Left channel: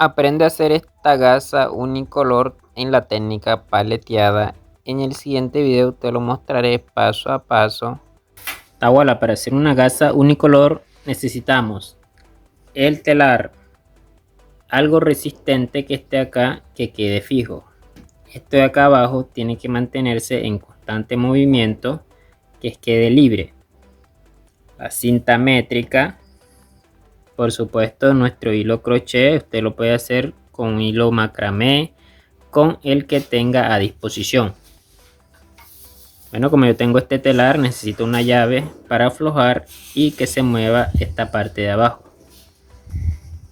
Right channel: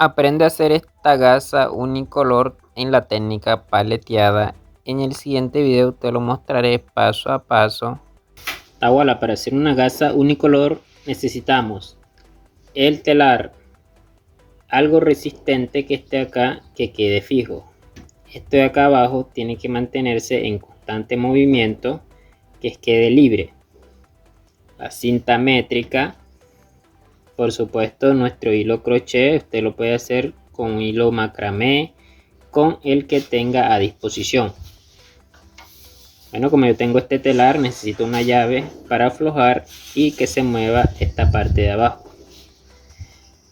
Aprende a hacer esta gasa unicolor en la técnica paleteada. En el siguiente video te lo mostraré paso a paso. Tahuala, para hacer una gasa unicolor necesitamos el telar, algo resistente que esté acá, que quede fijo. Esto de acá abajo tiene que mantenerse en constante movimiento, que quede libre. La cinta métrica, por supuesto nuestro hilo crochet, usted lo puede hacer con hilo macramé, con el que tenga a disposición. Bueno, como yo tengo este telar, necesito una llave para aflojar y que se mueva esta parte de abajo.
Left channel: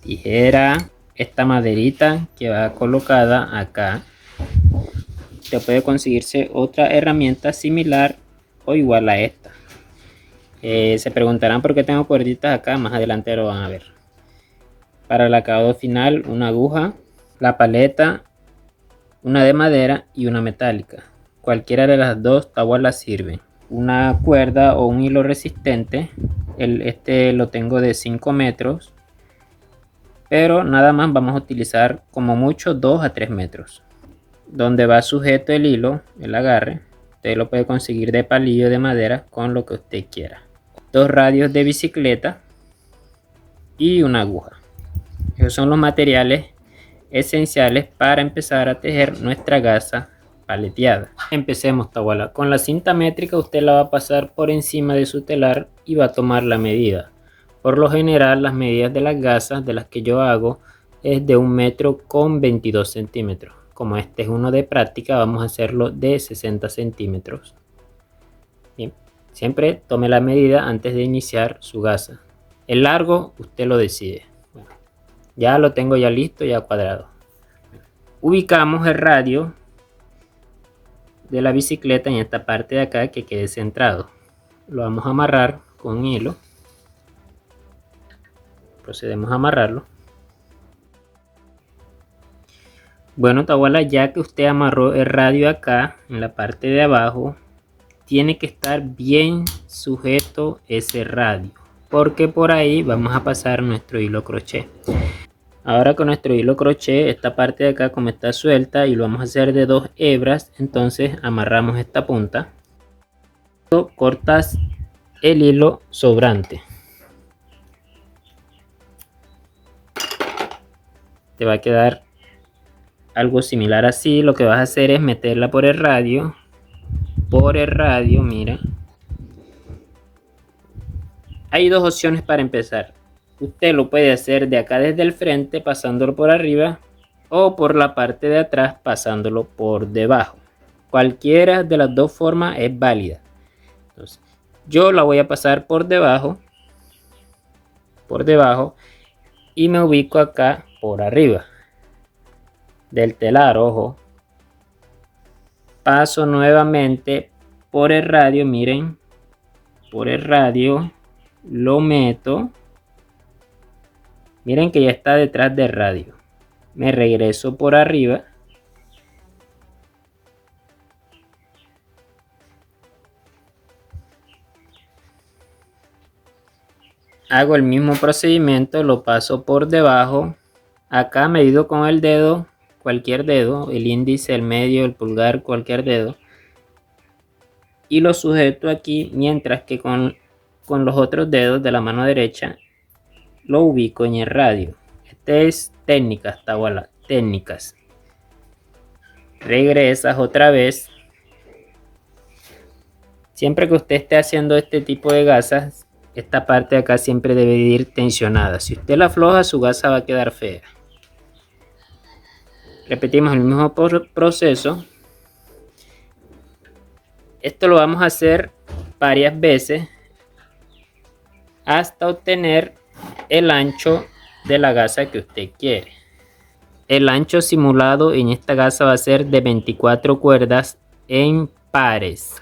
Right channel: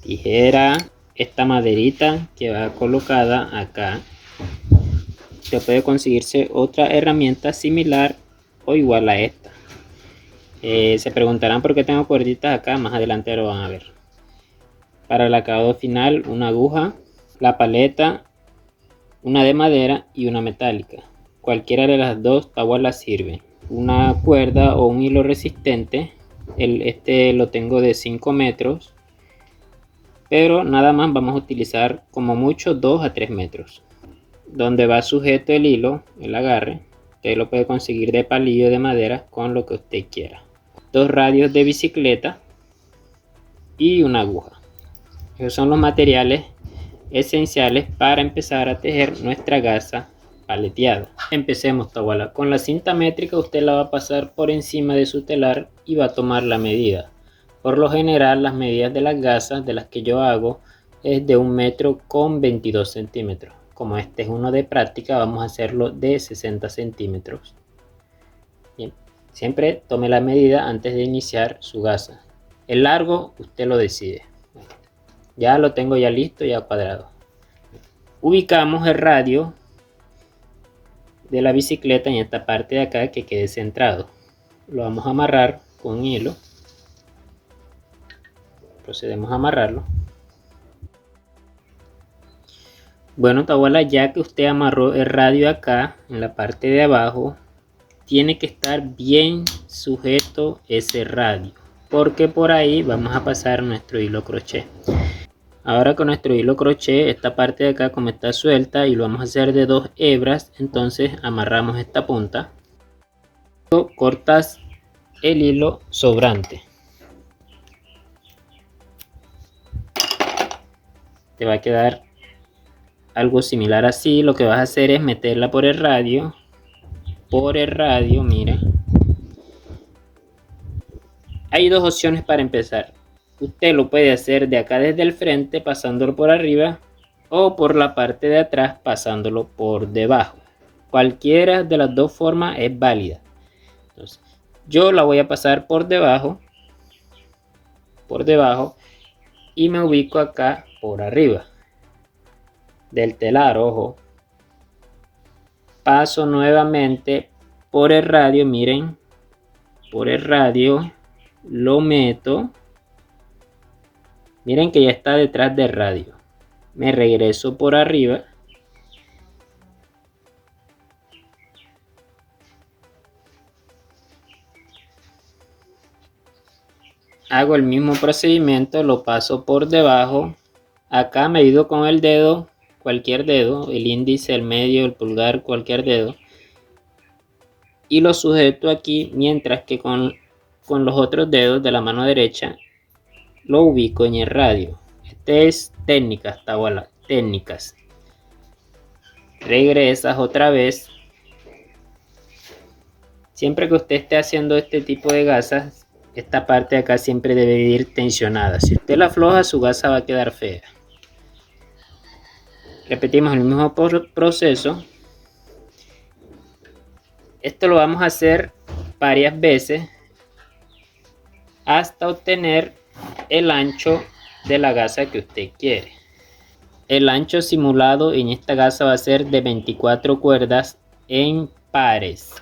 Tijera, esta maderita que va colocada acá. Usted puede conseguirse otra herramienta similar o igual a esta. Se preguntarán por qué tengo cuerditas acá, más adelante lo van a ver. Para el acabado final, una aguja, la paleta, una de madera y una metálica. Cualquiera de las dos tahualas sirve. Una cuerda o un hilo resistente, este lo tengo de 5 metros, pero nada más vamos a utilizar como mucho 2 a 3 metros. Donde va sujeto el hilo, el agarre, usted lo puede conseguir de palillo de madera con lo que usted quiera. 2 radios de bicicleta y una aguja. Esos son los materiales esenciales para empezar a tejer nuestra gasa paleteada. Empecemos, tahuala. Con la cinta métrica usted la va a pasar por encima de su telar y va a tomar la medida. Por lo general, las medidas de las gasas de las que yo hago es de 1 metro con 22 centímetros. Como este es uno de práctica, vamos a hacerlo de 60 centímetros. Bien, siempre tome la medida antes de iniciar su gasa. El largo usted lo decide. Ya lo tengo ya listo, ya cuadrado. Ubicamos el radio de la bicicleta en esta parte de acá que quede centrado. Lo vamos a amarrar con hilo. Procedemos a amarrarlo. Bueno, tahuala, ya que usted amarró el radio acá en la parte de abajo, tiene que estar bien sujeto ese radio, porque por ahí vamos a pasar nuestro hilo crochet. Ahora con nuestro hilo crochet, esta parte de acá como está suelta y lo vamos a hacer de 2 hebras, entonces amarramos esta punta. Cortas el hilo sobrante. Te va a quedar algo similar así. Lo que vas a hacer es meterla por el radio. Mira. Hay dos opciones para empezar. Usted lo puede hacer de acá desde el frente pasándolo por arriba o por la parte de atrás pasándolo por debajo. Cualquiera de las dos formas es válida. Entonces, yo la voy a pasar por debajo y me ubico acá por arriba del telar, ojo. Paso nuevamente por el radio, miren, por el radio lo meto. Miren que ya está detrás del radio. Me regreso por arriba. Hago el mismo procedimiento, lo paso por debajo. Acá medido con el dedo, cualquier dedo, el índice, el medio, el pulgar, cualquier dedo. Y lo sujeto aquí, mientras que con los otros dedos de la mano derecha lo ubico en el radio. Este es técnicas, tahuala, técnicas. Regresas otra vez. Siempre que usted esté haciendo este tipo de gasas, esta parte de acá siempre debe ir tensionada. Si usted la afloja, su gasa va a quedar fea. Repetimos el mismo proceso. Esto lo vamos a hacer varias veces hasta obtener el ancho de la gasa que usted quiere. El ancho simulado en esta gasa va a ser de 24 cuerdas en pares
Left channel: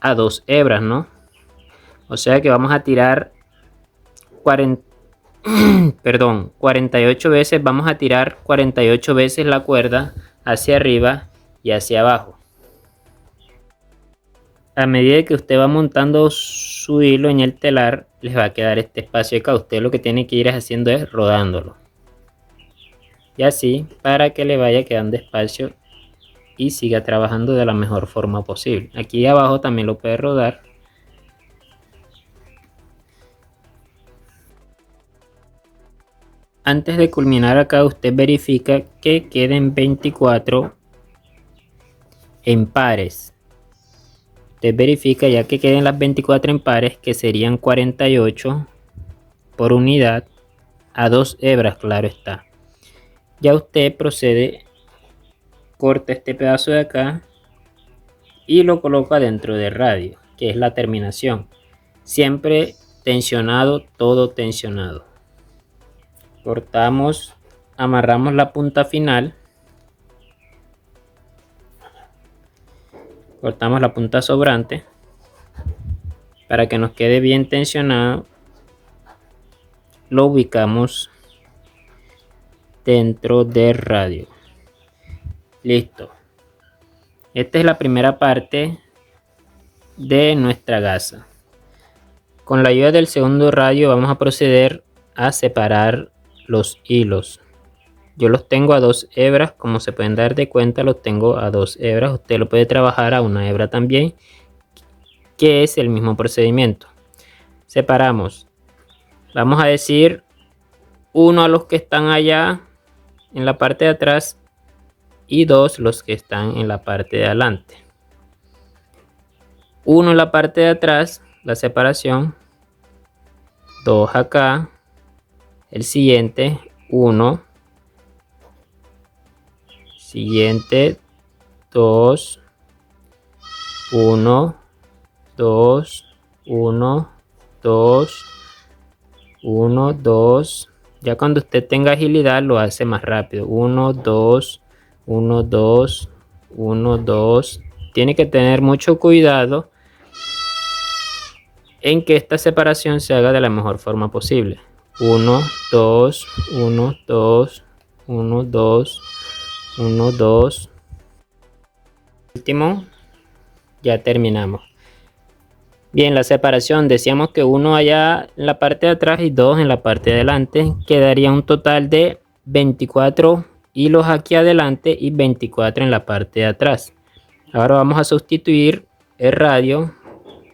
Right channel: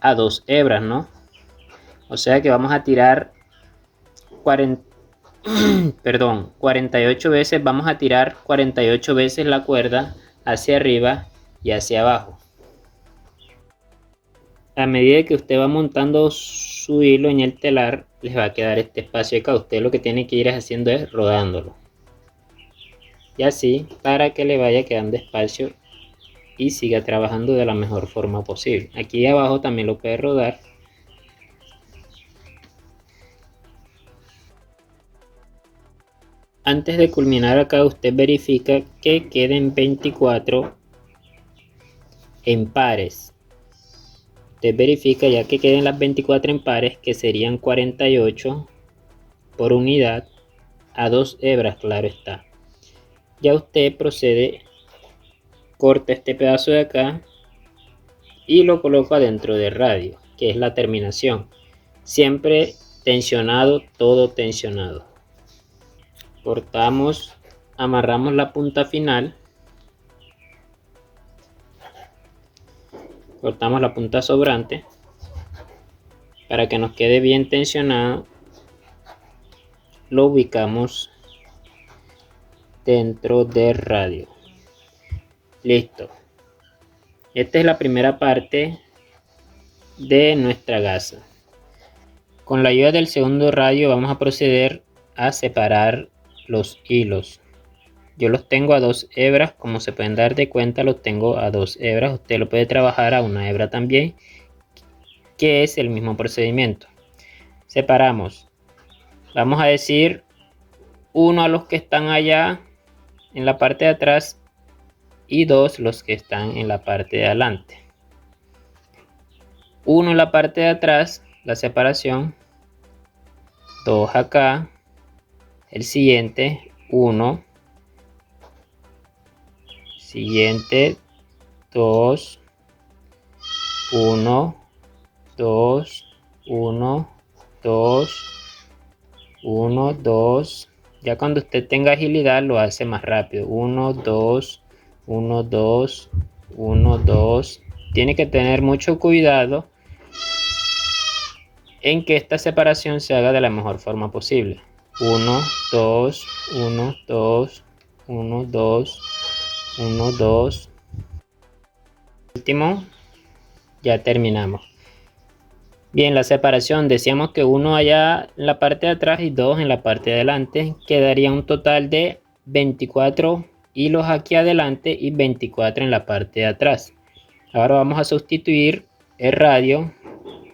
a 2 hebras, ¿no? O sea que vamos a tirar 48 veces, vamos a tirar 48 veces la cuerda hacia arriba y hacia abajo. A medida que usted va montando su hilo en el telar, les va a quedar este espacio acá. Usted lo que tiene que ir haciendo es rodándolo. y así para que le vaya quedando espacio y siga trabajando de la mejor forma posible. Aquí abajo también lo puede rodar. Antes de culminar acá, usted verifica que queden 24 en pares. Usted verifica ya que queden las 24 en pares, que serían 48 por unidad a 2 hebras, claro está. Ya usted procede, corta este pedazo de acá y lo coloca dentro del radio, que es la terminación. Siempre tensionado, todo tensionado. Cortamos, amarramos la punta final, cortamos la punta sobrante para que nos quede bien tensionado. Lo ubicamos dentro del radio. Listo. Esta es la primera parte de nuestra gasa. Con la ayuda del segundo radio vamos a proceder a separar los hilos. Yo los tengo a 2 hebras, como se pueden dar de cuenta, los tengo a 2 hebras. Usted lo puede trabajar a 1 hebra también, que es el mismo procedimiento. Separamos. Vamos a decir 1 a los que están allá en la parte de atrás y 2 los que están en la parte de adelante. 1 en la parte de atrás, la separación, 2 acá, el siguiente, 1, siguiente, 2, 1, 2, 1, 2, 1, 2. Ya cuando usted tenga agilidad lo hace más rápido. 1, 2, 1, 2, 1, 2. Tiene que tener mucho cuidado en que esta separación se haga de la mejor forma posible. 1, 2, 1, 2, 1, 2, 1, 2. Último, ya terminamos. Bien, la separación, decíamos que 1 allá en la parte de atrás y 2 en la parte de adelante. Quedaría un total de 24 hilos aquí adelante y 24 en la parte de atrás. Ahora vamos a sustituir el radio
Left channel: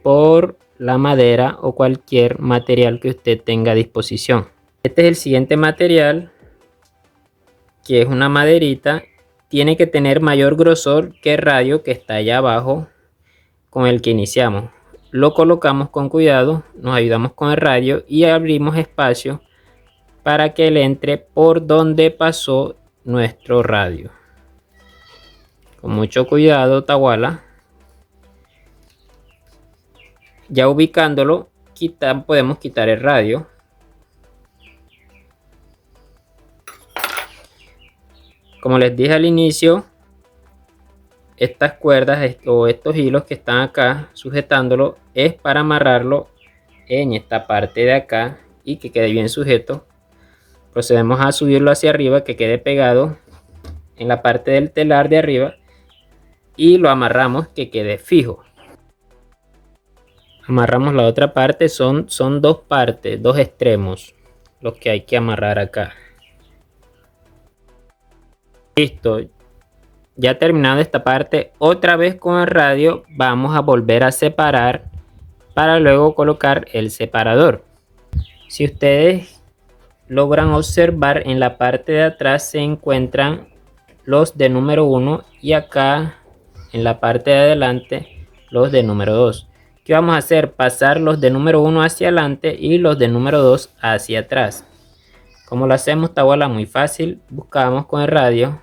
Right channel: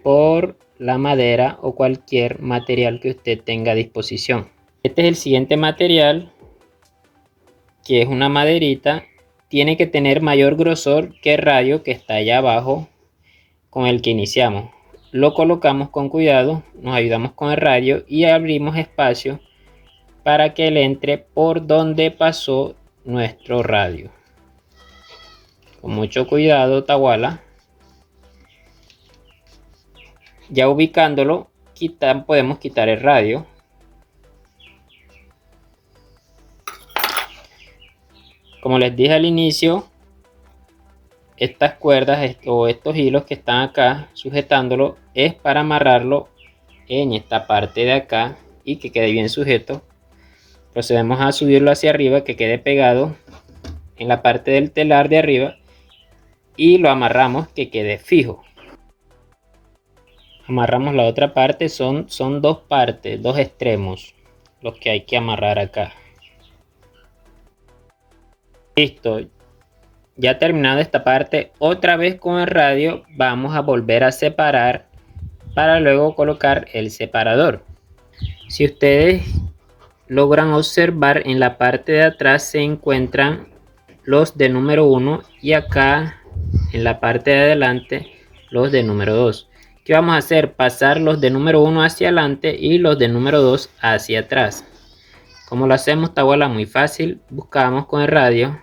por la madera o cualquier material que usted tenga a disposición. Este es el siguiente material, que es una maderita. Tiene que tener mayor grosor que el radio que está allá abajo con el que iniciamos. Lo colocamos con cuidado, nos ayudamos con el radio y abrimos espacio para que él entre por donde pasó nuestro radio. Con mucho cuidado, Tawala. Ya ubicándolo, podemos quitar el radio. Como les dije al inicio, estas cuerdas o estos hilos que están acá sujetándolo es para amarrarlo en esta parte de acá y que quede bien sujeto. Procedemos a subirlo hacia arriba, que quede pegado en la parte del telar de arriba y lo amarramos que quede fijo. Amarramos la otra parte, son dos partes, dos extremos los que hay que amarrar acá. Listo. Ya terminado esta parte, otra vez con el radio vamos a volver a separar para luego colocar el separador. Si ustedes logran observar, en la parte de atrás se encuentran los de número 1 y acá en la parte de adelante los de número 2. ¿Qué vamos a hacer? Pasar los de número 1 hacia adelante y los de número 2 hacia atrás. ¿Cómo lo hacemos, Tawala? Muy fácil. Buscamos con el radio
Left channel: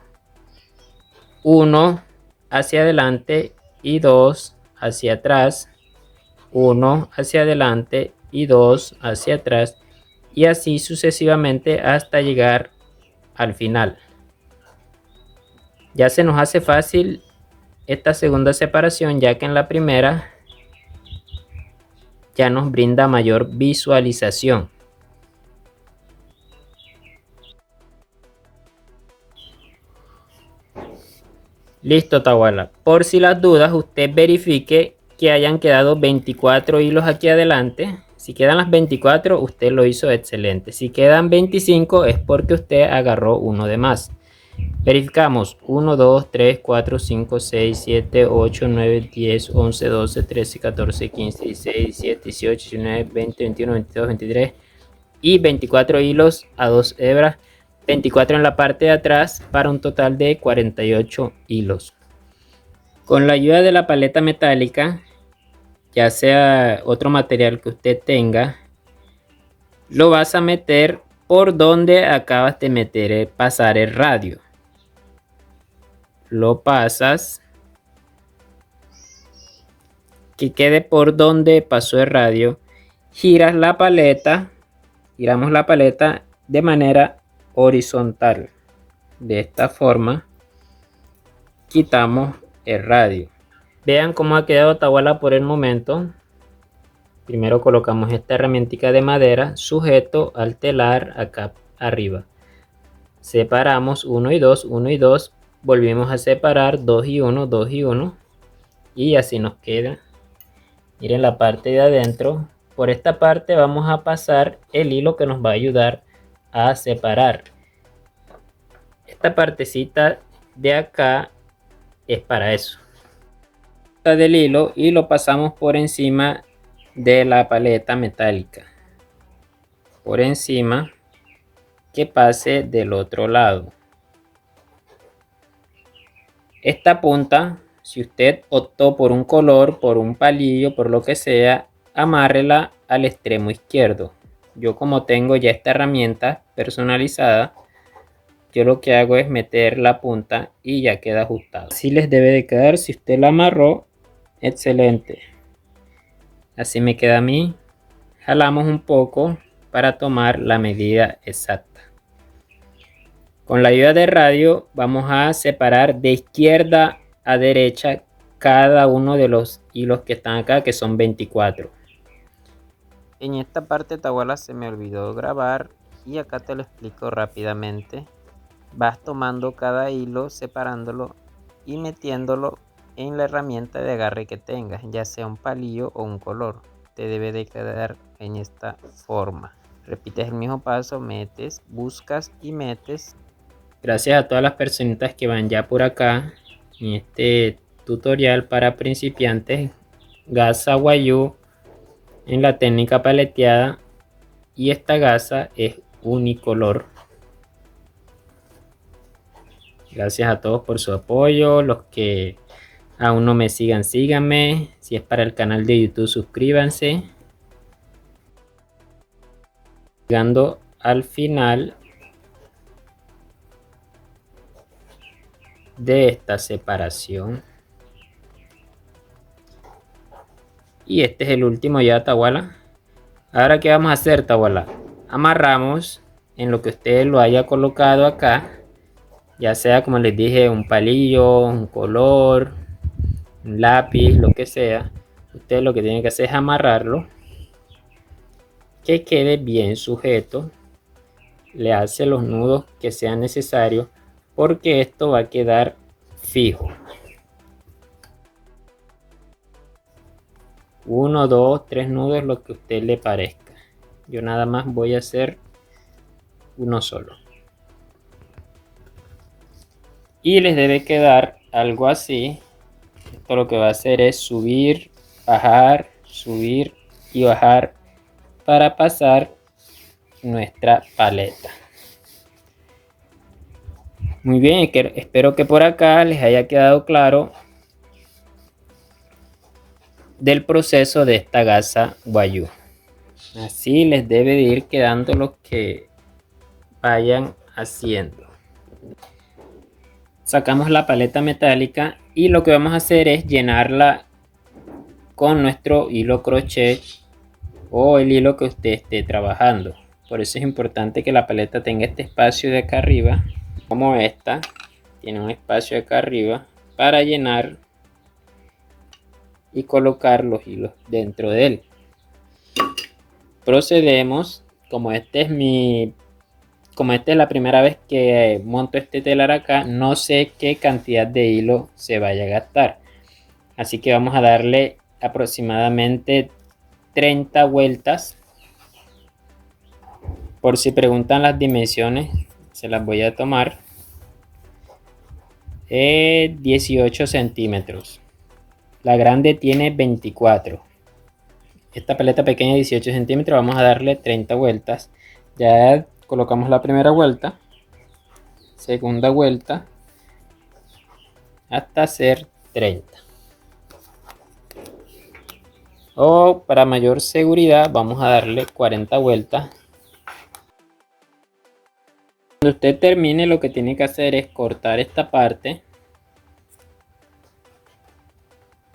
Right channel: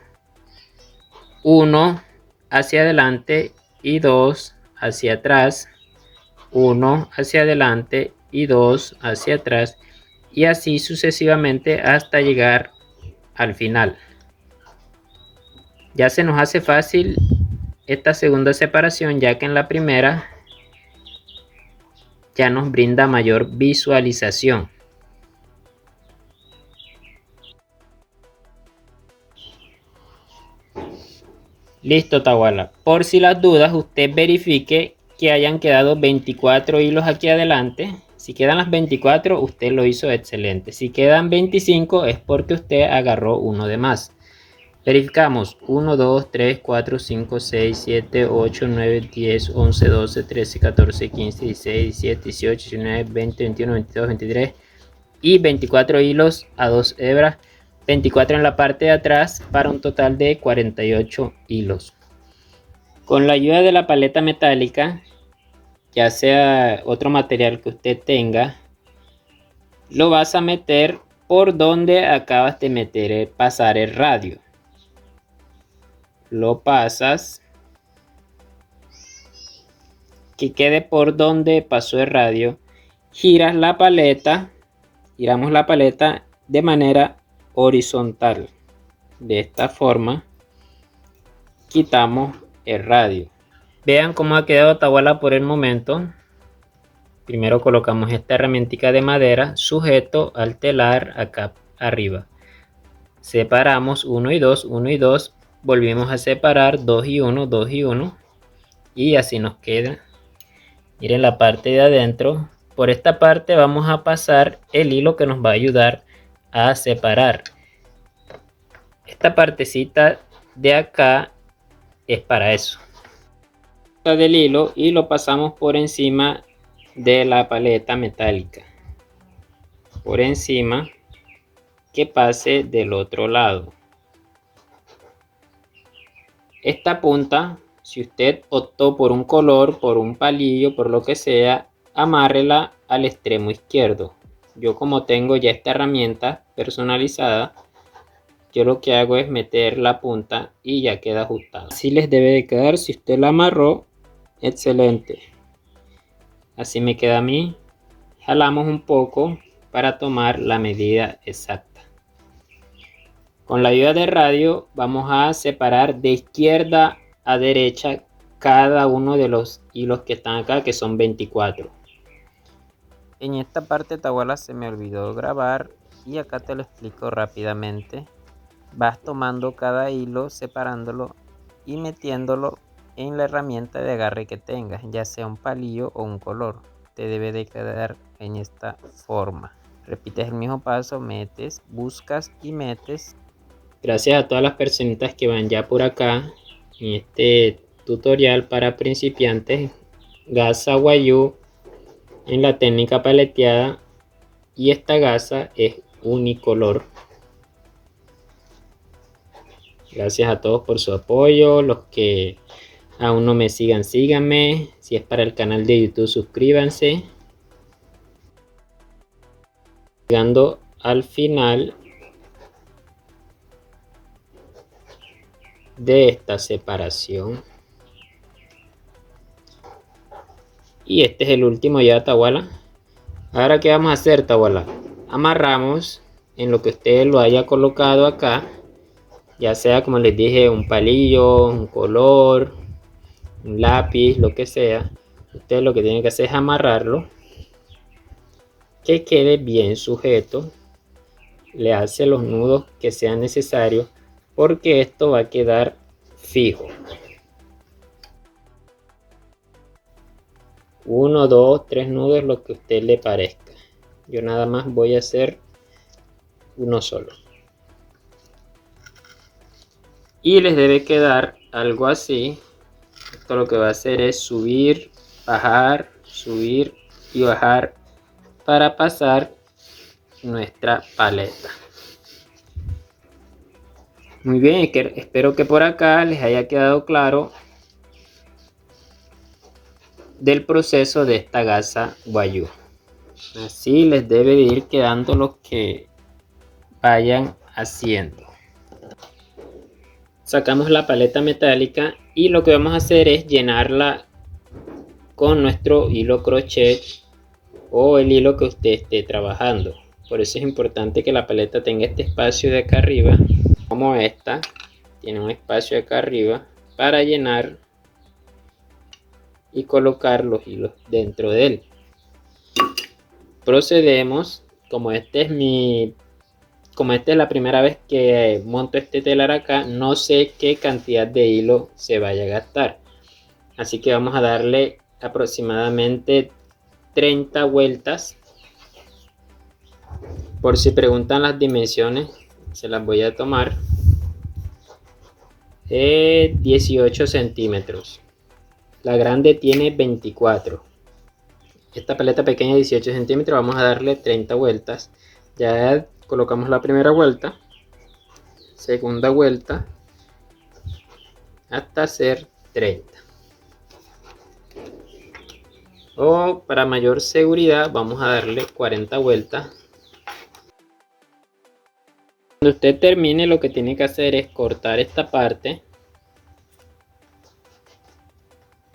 1 hacia adelante y 2 hacia atrás, 1 hacia adelante y 2 hacia atrás, y así sucesivamente hasta llegar al final. Ya se nos hace fácil esta segunda separación, ya que en la primera ya nos brinda mayor visualización. Listo, Tawala. Por si las dudas, usted verifique que hayan quedado 24 hilos aquí adelante. Si quedan las 24, usted lo hizo excelente. Si quedan 25 es porque usted agarró uno de más. Verificamos 1, 2, 3, 4, 5, 6, 7, 8, 9, 10, 11, 12, 13, 14, 15, 16, 17, 18, 19, 20, 21, 22, 23 y 24 hilos a 2 hebras, 24 en la parte de atrás para un total de 48 hilos. Con la ayuda de la paleta metálica, ya sea otro material que usted tenga, lo vas a meter por donde acabas de meter, pasar el radio. Lo pasas, que quede por donde pasó el radio, giramos la paleta de manera horizontal. De esta forma quitamos el radio. Vean cómo ha quedado Tahuala por el momento. Primero colocamos esta herramienta de madera sujeto al telar acá arriba. Separamos 1 y 2, 1 y 2. Volvemos a separar 2 y 1, 2 y 1. Y así nos queda. Miren la parte de adentro. Por esta parte vamos a pasar el hilo que nos va a ayudar a separar. Esta partecita de acá es para eso. Del hilo y lo pasamos por encima de la paleta metálica. Por encima, que pase del otro lado. Esta punta, si usted optó por un color, por un palillo, por lo que sea, amárrela al extremo izquierdo. Yo, como tengo ya esta herramienta personalizada, yo lo que hago es meter la punta y ya queda ajustado. Así les debe de quedar. Si usted la amarró, excelente. Así me queda a mí. Jalamos un poco para tomar la medida exacta. Con la ayuda del radio vamos a separar de izquierda a derecha cada uno de los hilos que están acá, que son 24. En esta parte, Tahuala, se me olvidó grabar y acá te lo explico rápidamente. Vas tomando cada hilo, separándolo y metiéndolo en la herramienta de agarre que tengas, ya sea un palillo o un color. Te debe de quedar en esta forma. Repites el mismo paso, metes, buscas y metes. Gracias a todas las personitas que van ya por acá en este tutorial para principiantes, gasa Wayuu en la técnica paleteada, y esta gasa es unicolor. Gracias a todos por su apoyo. Los que aún no me sigan, síganme. Si es para el canal de YouTube, suscríbanse. Llegando al final de esta separación. Y este es el último ya, Tahuala. Ahora, ¿qué vamos a hacer, Tahuala? Amarramos en lo que usted lo haya colocado acá, ya sea, como les dije, un palillo, un color, un lápiz, lo que sea. Usted lo que tiene que hacer es amarrarlo, que quede bien sujeto. Le hace los nudos que sean necesarios, porque esto va a quedar fijo. 1, 2, 3 nudos, lo que a usted le parezca. Yo nada más voy a hacer uno solo. Y les debe quedar algo así. Esto lo que va a hacer es subir y bajar para pasar nuestra paleta. Muy bien, espero que por acá les haya quedado claro del proceso de esta gasa Wayuu. Así les debe de ir quedando lo que vayan haciendo. Sacamos la paleta metálica y lo que vamos a hacer es llenarla con nuestro hilo crochet o el hilo que usted esté trabajando. Por eso es importante que la paleta tenga este espacio de acá arriba, como esta tiene un espacio acá arriba para llenar y colocar los hilos dentro de él. Procedemos, como esta es la primera vez que monto este telar acá, no sé qué cantidad de hilo se vaya a gastar, así que vamos a darle aproximadamente 30 vueltas. Por si preguntan las dimensiones, se las voy a tomar. 18 centímetros. La grande tiene 24. Esta paleta pequeña 18 centímetros. Vamos a darle 30 vueltas. Ya colocamos la primera vuelta, segunda vuelta, hasta hacer 30. O para mayor seguridad vamos a darle 40 vueltas. Cuando usted termine, lo que tiene que hacer es cortar esta parte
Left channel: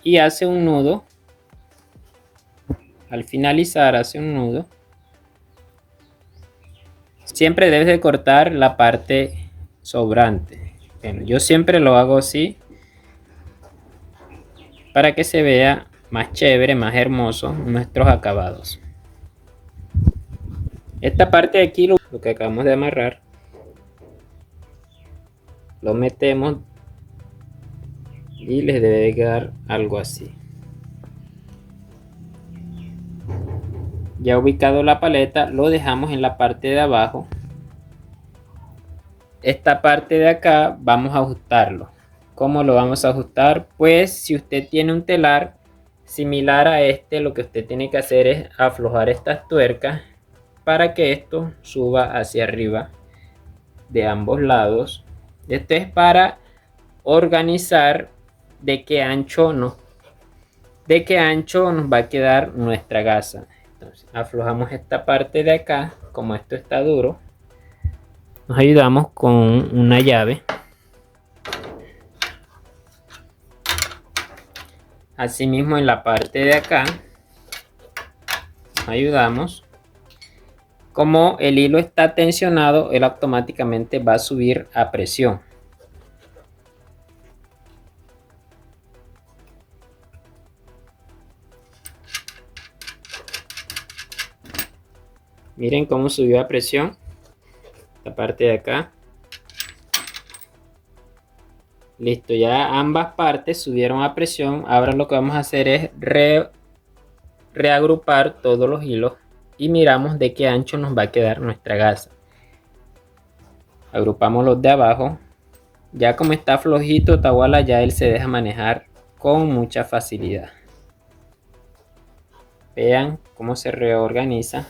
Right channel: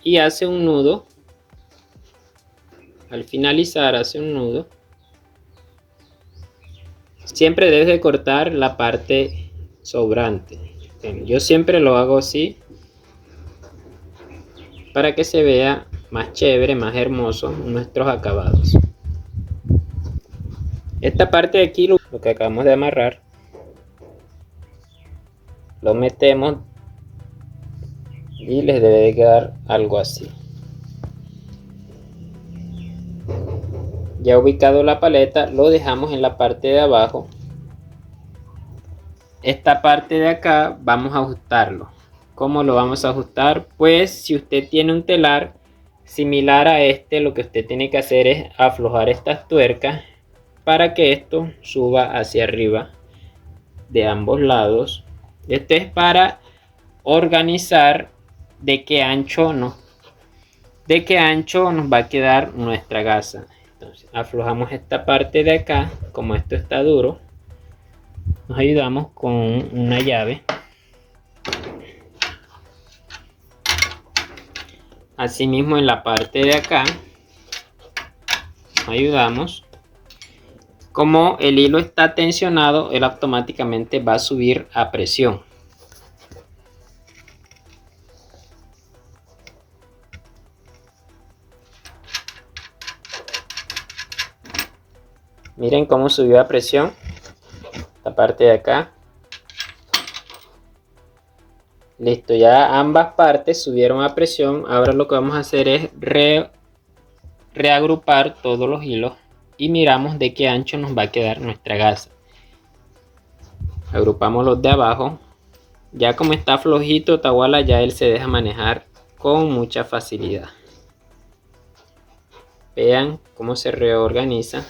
y hace un nudo. Al finalizar hace un nudo. Siempre debes de cortar la parte sobrante. Bueno, yo siempre lo hago así para que se vea más chévere, más hermoso nuestros acabados. Esta parte de aquí, lo que acabamos de amarrar, lo metemos y les debe de quedar algo así. Ya ubicado la paleta, lo dejamos en la parte de abajo. Esta parte de acá vamos a ajustarlo. ¿Cómo lo vamos a ajustar? Pues si usted tiene un telar similar a este, lo que usted tiene que hacer es aflojar estas tuercas para que esto suba hacia arriba de ambos lados. Esto es para organizar de qué ancho nos va a quedar nuestra gasa. Entonces aflojamos esta parte de acá. Como esto está duro, nos ayudamos con una llave. Asimismo en la parte de acá ayudamos. Como el hilo está tensionado, él automáticamente va a subir a presión. Miren cómo subió a presión la parte de acá. Listo, ya ambas partes subieron a presión. Ahora lo que vamos a hacer es reagrupar todos los hilos y miramos de qué ancho nos va a quedar nuestra gasa. Agrupamos los de abajo. Ya como está flojito Tawala, ya él se deja manejar con mucha facilidad. Vean cómo se reorganiza.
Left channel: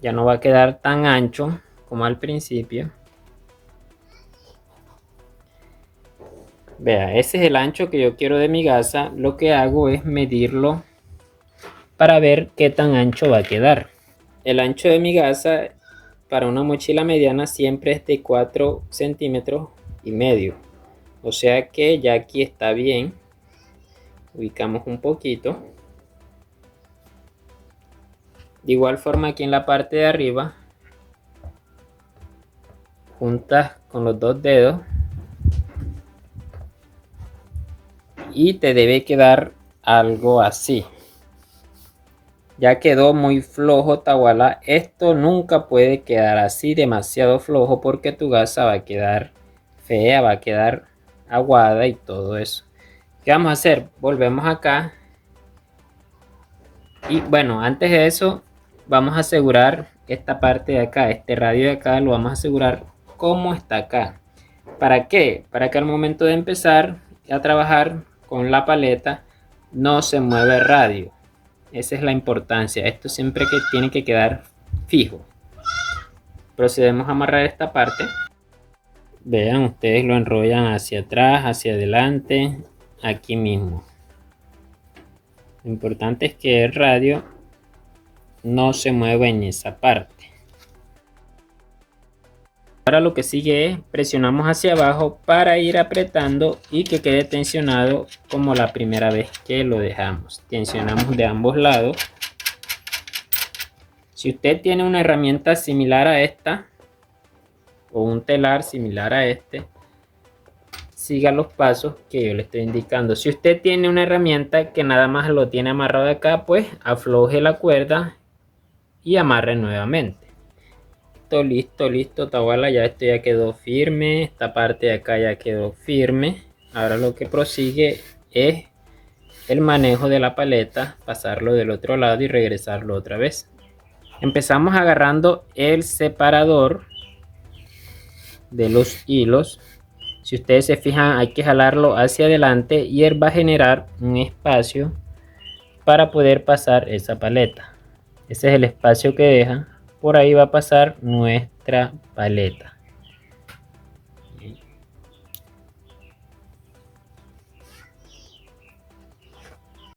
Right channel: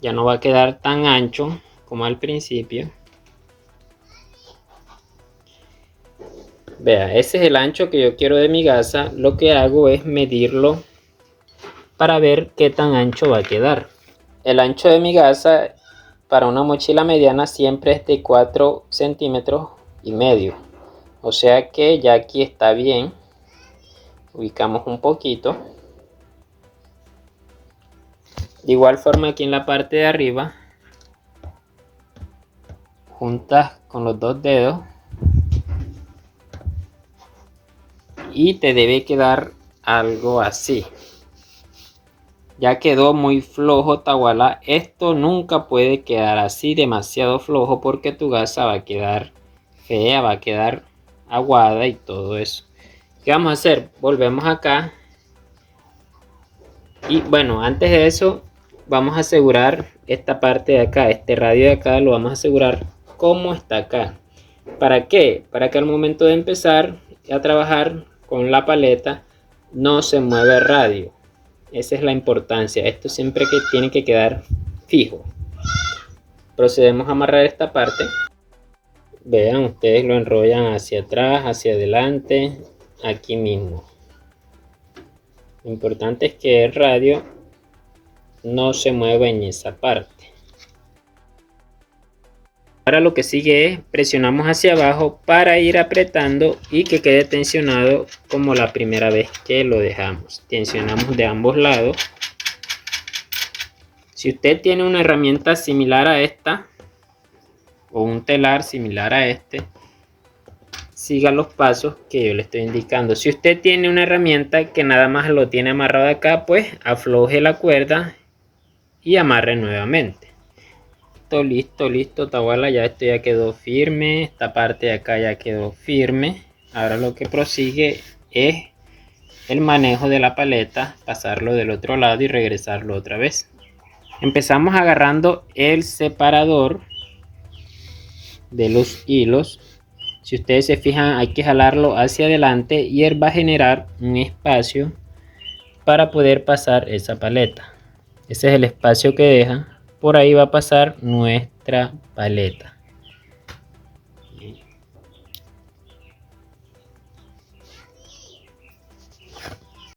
Ya no va a quedar tan ancho como al principio. Vea, ese es el ancho que yo quiero de mi gasa. Lo que hago es medirlo para ver qué tan ancho va a quedar. El ancho de mi gasa para una mochila mediana siempre es de 4 centímetros y medio. O sea que ya aquí está bien. Ubicamos un poquito. De igual forma aquí en la parte de arriba, juntas con los dos dedos y te debe quedar algo así. Ya quedó muy flojo Tawala. Esto nunca puede quedar así demasiado flojo porque tu gasa va a quedar fea, va a quedar aguada y todo eso. ¿Qué vamos a hacer? Volvemos acá. Y bueno, antes de eso vamos a asegurar esta parte de acá, este radio de acá lo vamos a asegurar como está acá. ¿Para qué? Para que al momento de empezar a trabajar con la paleta no se mueva el radio. Esa es la importancia. Esto siempre que tiene que quedar fijo. Procedemos a amarrar esta parte. Vean, ustedes lo enrollan hacia atrás, hacia adelante, aquí mismo. Lo importante es que el radio no se mueva en esa parte. Ahora lo que sigue es presionamos hacia abajo para ir apretando y que quede tensionado como la primera vez que lo dejamos. Tensionamos de ambos lados. Si usted tiene una herramienta similar a esta o un telar similar a este, siga los pasos que yo le estoy indicando. Si usted tiene una herramienta que nada más lo tiene amarrado acá, pues afloje la cuerda y amarre nuevamente. Listo, Tawala, ya esto ya quedó firme. Esta parte de acá ya quedó firme. Ahora lo que prosigue es el manejo de la paleta, pasarlo del otro lado y regresarlo otra vez. Empezamos agarrando el separador de los hilos. Si ustedes se fijan, hay que jalarlo hacia adelante y él va a generar un espacio para poder pasar esa paleta. Ese es el espacio que deja. Por ahí va a pasar nuestra paleta.